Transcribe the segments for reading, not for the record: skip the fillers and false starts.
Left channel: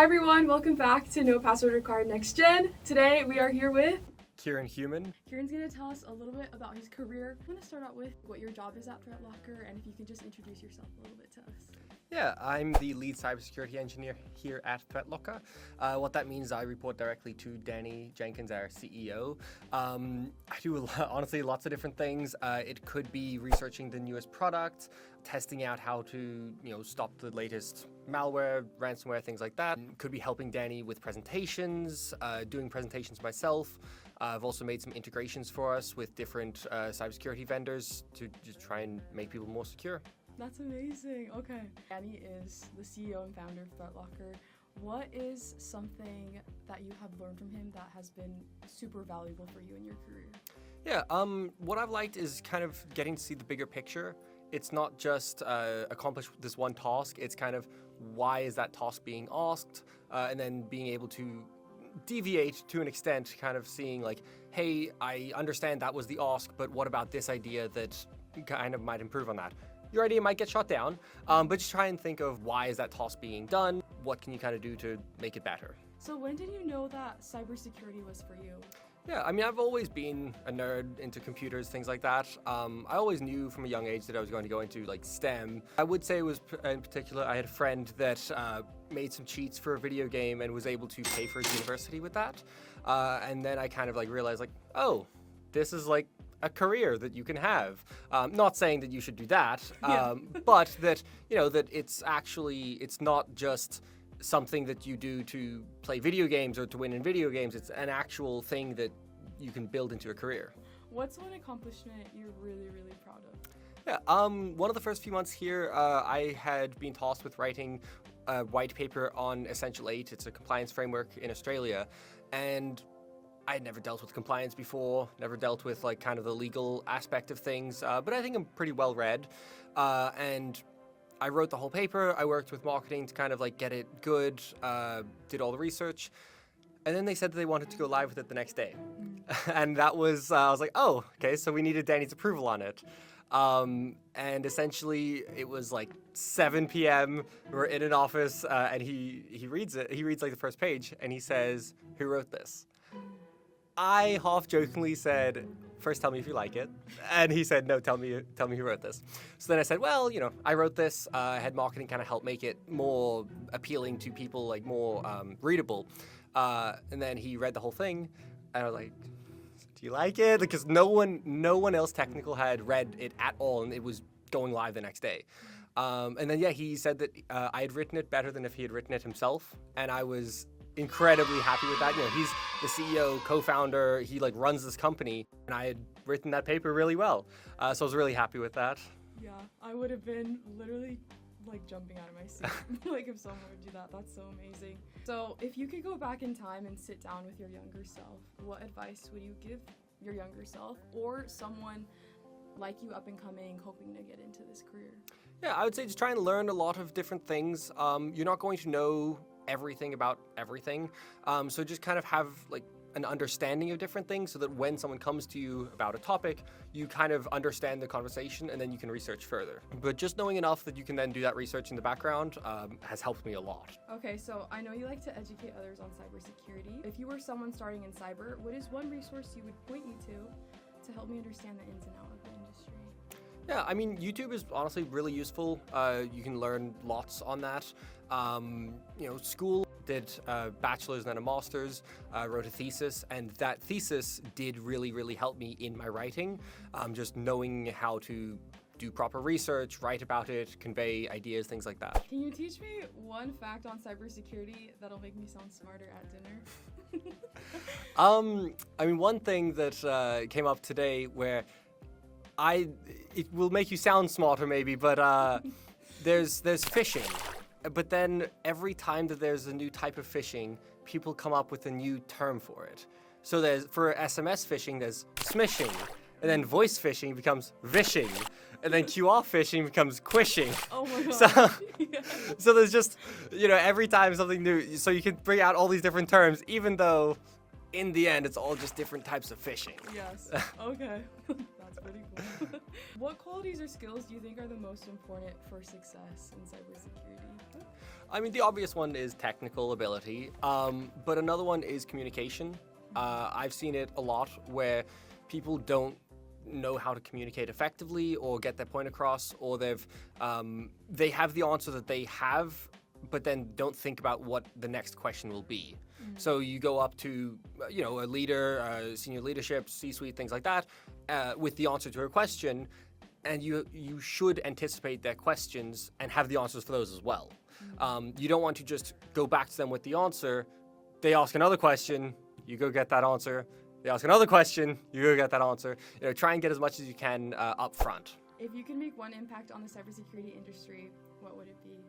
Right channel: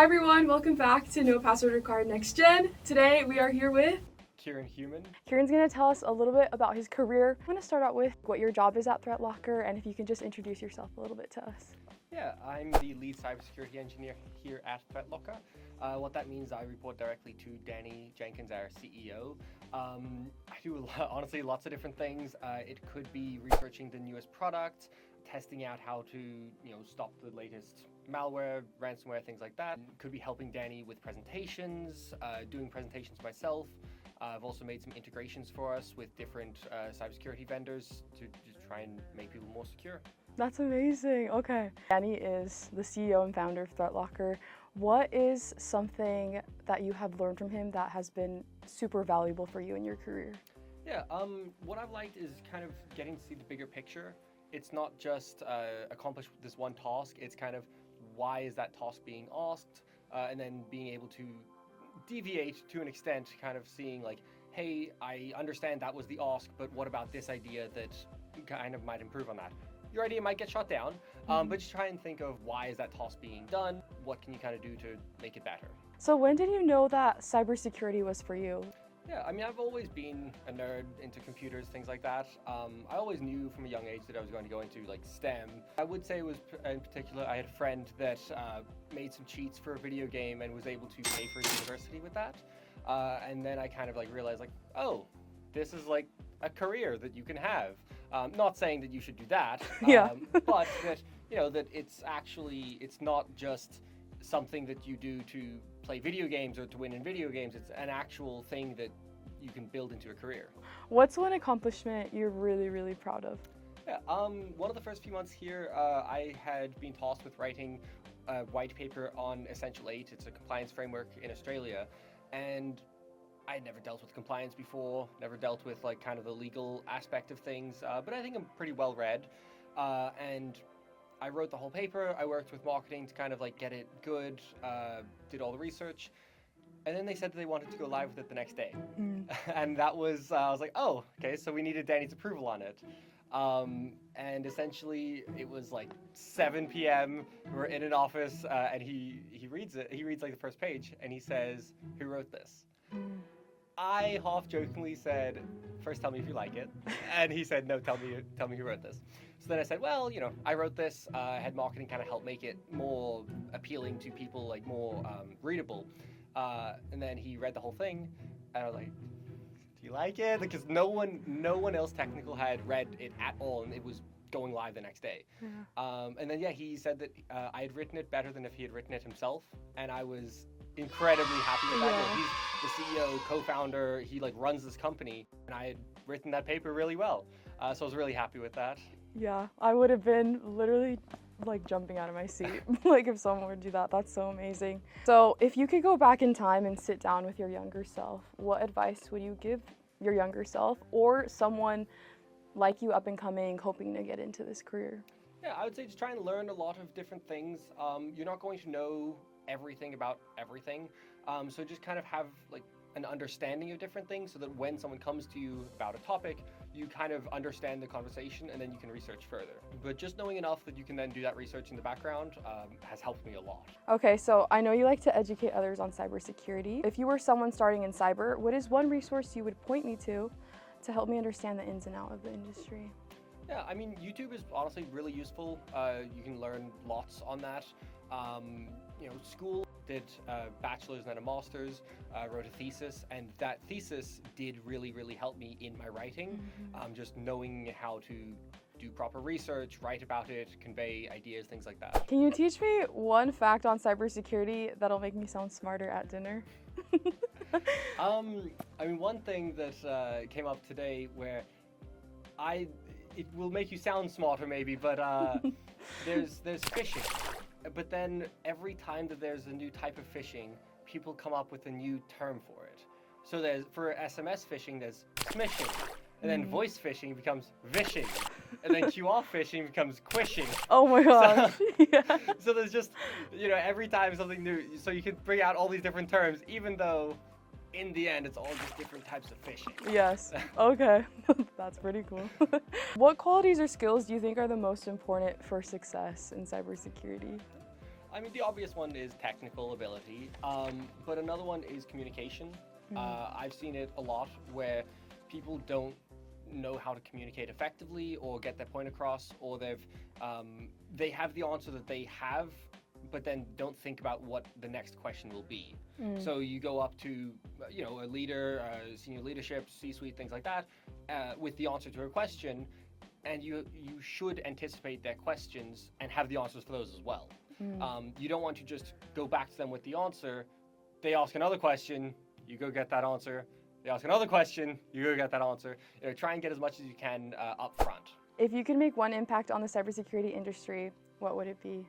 Hi everyone, welcome back to No Password Required Next Gen. Today we are here with Kieran Human. Kieran's going to tell us a little bit about his career. I'm going to start out with what your job is at ThreatLocker, and if you can just introduce yourself a little bit to us. Yeah, I'm the Lead Cybersecurity Engineer here at ThreatLocker. What that means, I report directly to Danny Jenkins, our CEO. I do, honestly, lots of different things. It could be researching the newest product, testing out how to, stop the latest malware, ransomware, things like that. Could be helping Danny with presentations, doing presentations myself. I've also made some integrations for us with different cybersecurity vendors to just try and make people more secure. That's amazing. Okay. Danny is the CEO and founder of ThreatLocker. What is something that you have learned from him that has been super valuable for you in your career? Yeah, what I've liked is kind of getting to see the bigger picture. It's not just accomplish this one task, it's kind of why is that task being asked, and then being able to deviate to an extent, kind of seeing like, hey, I understand that was the ask, but what about this idea that kind of might improve on that? Your idea might get shut down, but just try and think of why is that task being done? What can you kind of do to make it better? So when did you know that cybersecurity was for you? Yeah, I mean, I've always been a nerd into computers, things like that. I always knew from a young age that I was going to go into like STEM. I would say it was, in particular, I had a friend that made some cheats for a video game and was able to pay for his university with that. And then I kind of like realized like, oh, this is like a career that you can have. Not saying that you should do that, but that, that it's actually, it's not just something that you do to play video games or to win in video games. It's an actual thing that you can build into a career. What's one accomplishment you're really, really proud of? Yeah, one of the first few months here, I had been tasked with writing a white paper on Essential 8. It's a compliance framework in Australia. And I had never dealt with compliance before, never dealt with like kind of the legal aspect of things, but I think I'm pretty well read. And I wrote the whole paper. I worked with marketing to kind of like get it good, did all the research. And then they said that they wanted to go live with it the next day. And that was, I was like, oh, okay, so we needed Danny's approval on it. And essentially it was like 7 p.m. We're in an office and he reads it. He reads like the first page and he says, "Who wrote this?" I half-jokingly said, "First tell me if you like it." And he said, "No, tell me who wrote this." So then I said, well, I wrote this. I had marketing kind of help make it more appealing to people, like more readable. And then he read the whole thing, and I was like, "Do you like it?" Because no one else technical had read it at all, and it was going live the next day. And then, he said that I had written it better than if he had written it himself, and I was incredibly happy with that. He's the CEO, co-founder, he like runs this company, and I had written that paper really well. So I was really happy with that. Yeah, I would have been literally like jumping out of my seat like if someone would do that. That's so amazing. So if you could go back in time and sit down with your younger self, what advice would you give your younger self or someone like you up and coming hoping to get into this career? Yeah, I would say just try and learn a lot of different things. You're not going to know everything about everything, so just kind of have like an understanding of different things so that when someone comes to you about a topic, you kind of understand the conversation and then you can research further. But just knowing enough that you can then do that research in the background has helped me a lot. Okay, so I know you like to educate others on cybersecurity. If you were someone starting in cyber, what is one resource you would point me to help me understand the ins and outs of the industry? Yeah, I mean, YouTube is honestly really useful. You can learn lots on that. School did a bachelor's and then a master's, wrote a thesis, and that thesis did really, really help me in my writing. Just knowing how to do proper research, write about it, convey ideas, things like that. Can you teach me one fact on cybersecurity that'll make me sound smarter at dinner? One thing that came up today where it will make you sound smarter maybe, but there's phishing. But then every time that there's a new type of phishing, people come up with a new term for it. So for SMS phishing, there's smishing, and then voice phishing becomes vishing, and then QR phishing becomes quishing. Oh my god. So there's just, every time something new, so you can bring out all these different terms, even though in the end, it's all just different types of phishing. Yes. Okay. That's pretty cool. What qualities or skills do you think are the most important for success in cybersecurity? I mean, the obvious one is technical ability, but another one is communication. I've seen it a lot where people don't know how to communicate effectively or get their point across, or they have the answer that they have, but then don't think about what the next question will be. So you go up to, a leader, senior leadership, C-suite, things like that, with the answer to a question, and you should anticipate their questions and have the answers for those as well. You don't want to just go back to them with the answer. They ask another question, you go get that answer. They ask another question, you go get that answer. Try and get as much as you can up front. If you could make one impact on the cybersecurity industry, what would it be?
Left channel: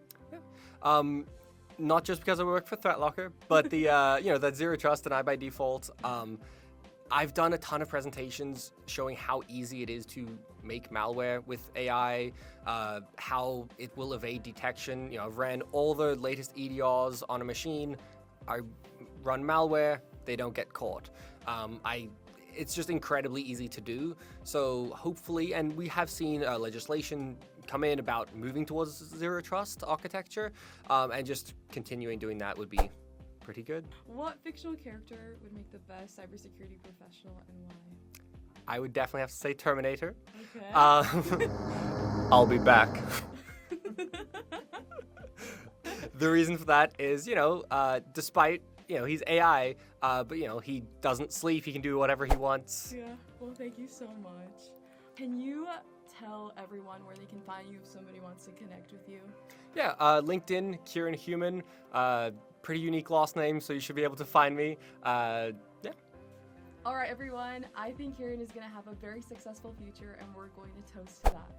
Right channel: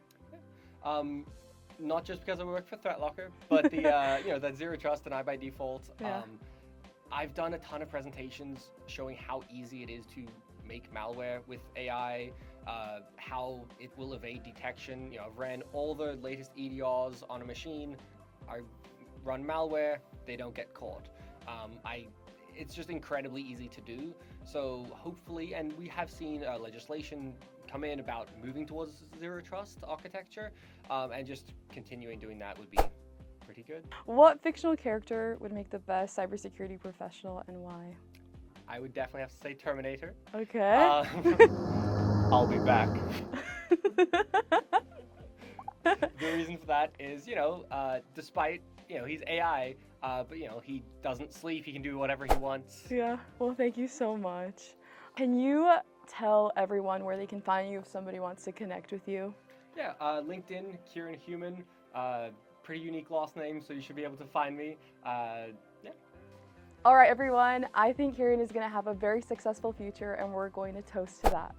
Not just because I work for ThreatLocker, but the that zero trust and I by default. I've done a ton of presentations showing how easy it is to make malware with AI, how it will evade detection. I've ran all the latest EDRs on a machine. I run malware, they don't get caught. It's just incredibly easy to do. So hopefully, and we have seen legislation come in about moving towards zero trust architecture, and just continuing doing that would be pretty good. What fictional character would make the best cybersecurity professional and why? I would definitely have to say Terminator. Okay. I'll be back. The reason for that is, despite, he's AI, but, he doesn't sleep, he can do whatever he wants. Yeah, well, thank you so much. Can you tell everyone where they can find you if somebody wants to connect with you? Yeah, LinkedIn, Kieran Human, pretty unique last name, so you should be able to find me. Yeah. All right, everyone, I think Kieran is going to have a very successful future, and we're going to toast to that.